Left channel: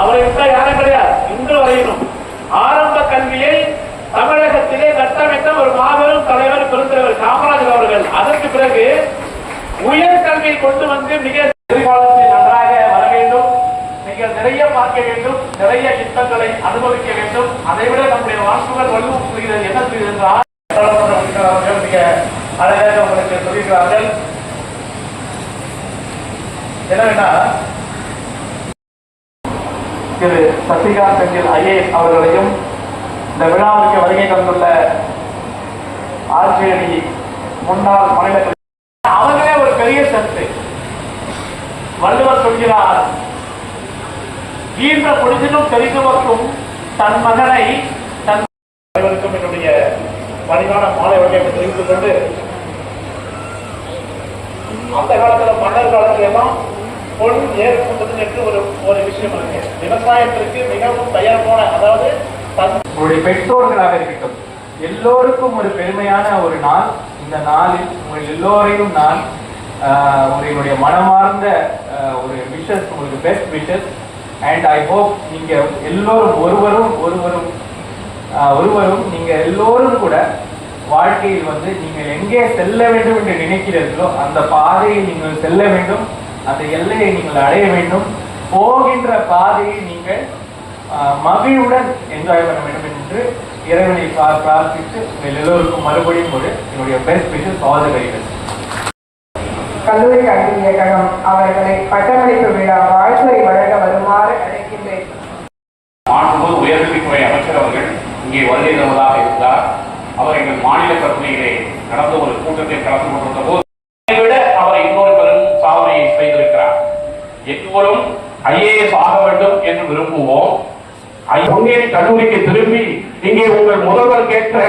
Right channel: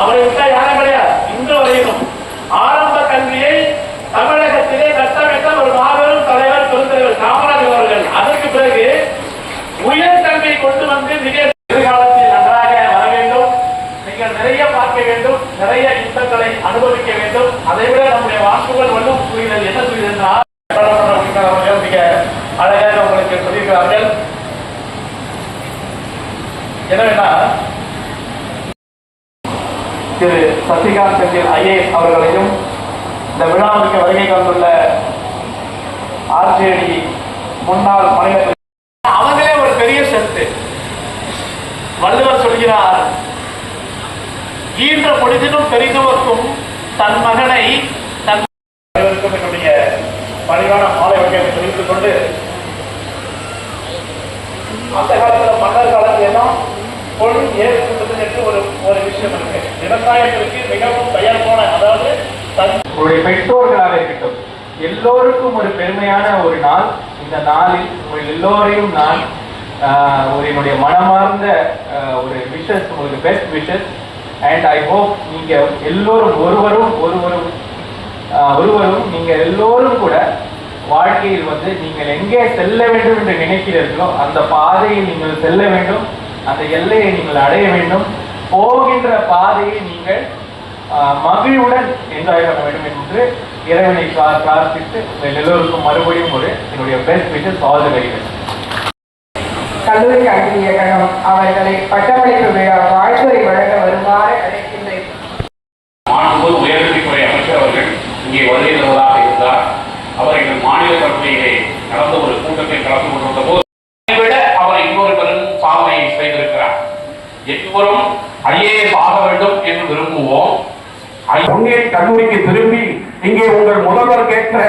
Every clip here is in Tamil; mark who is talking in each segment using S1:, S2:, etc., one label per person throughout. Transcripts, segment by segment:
S1: அவரை விட்டா யாரும் கிடையாது. இன்று வரையிலும் ஆரம்ப கல்வியை தமிழகத்திலே கட்டமைத்த ஒரு மாபெரும் தலைவர் பெருந்தலைவர் காமராஜர் அவர்கள். அதற்கு பிறகு உயர் கல்வியை கொண்டு வந்து மிக எதிர்காலத்தில் நன்றாக வர வேண்டும். நீங்கள் நிறைய பார்க்க வேண்டும். நிறைய யுத்தங்களை அனுபவிக்க வேண்டும். அதை விட நம்முடைய வாக்குகள் வலு புரிகிறது என்ன புரிகிறது என்றால் மிக அழகாக உங்களுக்கு சொல்லியிருக்கிறார்கள். என்னவென்னா திரு சசிகாந்த் செந்தில் ஐஏஎஸ் அவர்களையும் இந்த விழாவுக்கு வருகை தந்துள்ள ஆர்ஜேடி முன்னாள் மாநில அவங்களே ஒரு பெரிய சத்து. வள்ளுவர் சொல்கிறார் ஈன்ற பொழுதிலும் பெரிதுவக்கும் தன் மகனை தன் என்னுடைய பணிவான மாலை வகையை தெரிவித்துக் கொண்டு அந்த காலத்தில் மன்னர் காலத்தில் எல்லாம் பொன் ஏற்பட்டது என்று ஒரு ஒரு விஷயம் இருக்கு. விவசாயத்திற்கு மிகவும் பெயர் போன அதாவது
S2: உங்களுடைய பெற்றோர்களாக இருக்கட்டும் எல்லோருக்கும் ஒரு பெருமையான ஒரு நாள். இந்த நாளில் உங்கள் எல்லோரையும் நான் ஆஹ், ஒரு என்னுடைய மனமார்ந்த ஒரு விஷஸ் உங்களுக்கு best wishes and I hope நீங்க எல்லோரும் ஒருவரும் ஒருவரும் ஆஹ், ஒருவரும் நீங்க எல்லோரும் கூட வாழ்க்கையில் வந்து நீங்கள் எங்கே செல்ல வேண்டும் என்று நினைக்கிறீர்களோ அந்த பாதையை நீங்கள் செல்ல வேண்டும். அந்த எல்லையை நீங்கள் அடைய வேண்டும். போகின்ற பாதையை நீங்கள் மகிழ்வுடன் என்ஜாய் பண்ண வேண்டும் என்று இறைவனை பிரார்த்தித்து உங்கள் எல்லோருக்கும் மறுபடியும் ஒரு என்னுடைய best wishes all the very best
S3: கல்லூரி கல்வி இயக்ககம் அவர்களை பட்டமளிப்பு விழா வாழ்த்துறை வழங்க வருமாறு அழைக்கின்றேன்.
S4: உயர்கல்வித்துறை அமைச்சர் அவர்கள் இங்கே வருகை தருவதாக எல்லோரும் ஐஏஎஸ் ஆக வேண்டும் என்று விரும்புவோம்.
S5: முன்னே கல்லூரிக்கு திரும்பி இங்கே உங்கள் முதல்வர் கேட்கிற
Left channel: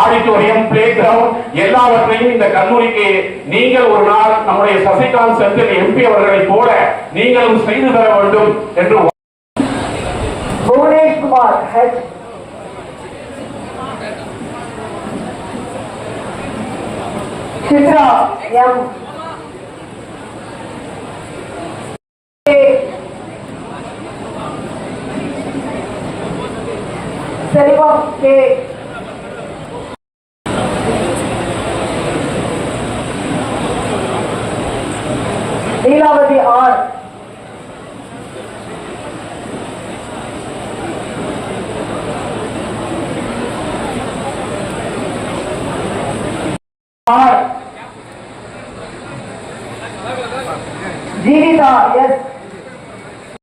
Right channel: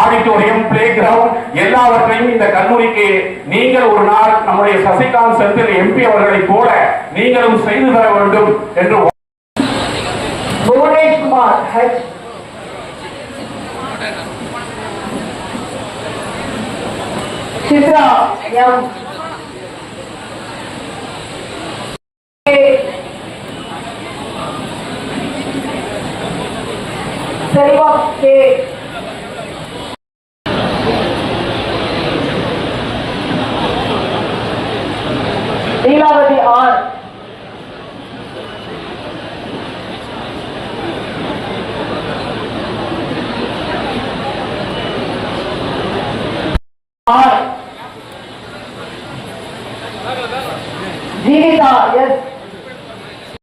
S5: ஆடிட்டோரியம் பிளே கிரவுண்ட் எல்லாவற்றையும் இந்த கல்லூரிக்கு நீங்கள் ஒரு நாள் நம்முடைய சசிகாந்த் செந்தில் எம்பி அவர்களைப் போல நீங்களும் செய்து தர வேண்டும் என்று
S3: புவனேஷ்குமார் ஹெச் சித்ரா எம் सहयोग के लीलावती और और जीविता यस